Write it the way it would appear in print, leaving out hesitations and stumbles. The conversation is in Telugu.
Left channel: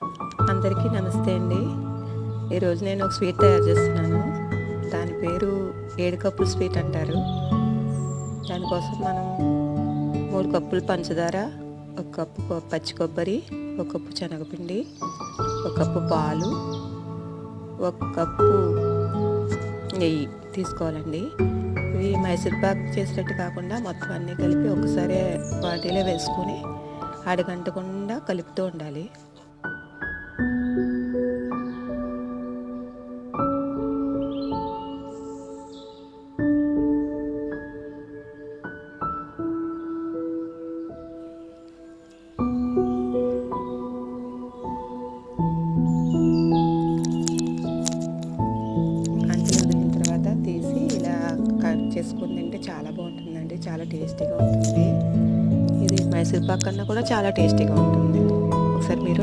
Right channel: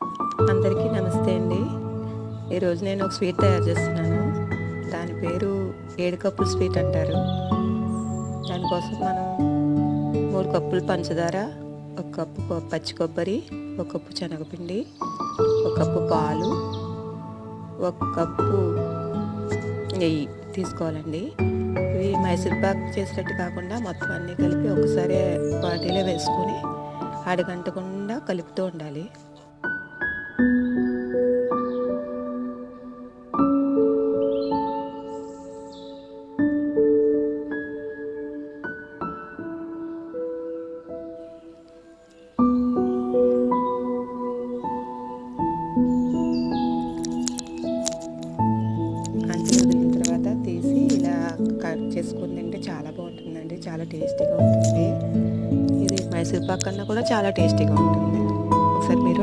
అందరికీ నమస్తే అండి. ఈరోజు నేను ఒక స్వీట్ తయారు చేస్తున్నాను. దాని పేరు 7 కప్పుల స్వీట్ అంటారు. దానికోసం మనం 3 కప్పులు పంచదార, 1 కప్పు పచ్చి కొబ్బరి, 1 కప్పు శనగపిండి, 1 కప్పు పాలు, 1 కప్పు నెయ్యి తీసుకోవాలండి. ఇవి మైసూర్పాక్ చేసినట్టు కాకుండా మొత్తం అన్నీ కలిపి ఒకసారి వాటిలో వేసుకొని అడగంటకుండా కలుపుతూ ఉండాలి. వదిలిన తర్వాత తీసి ఇలా కట్ చేసుకుని తింటే చాలా బాగుంటుందండి. చాలా టేస్టీగా ఉంటుంది. ఇది మైసూర్ పాక్ కన్నా కూడా చాలా టేస్టీగా ఉంటుంది. ఒకసారి మీరు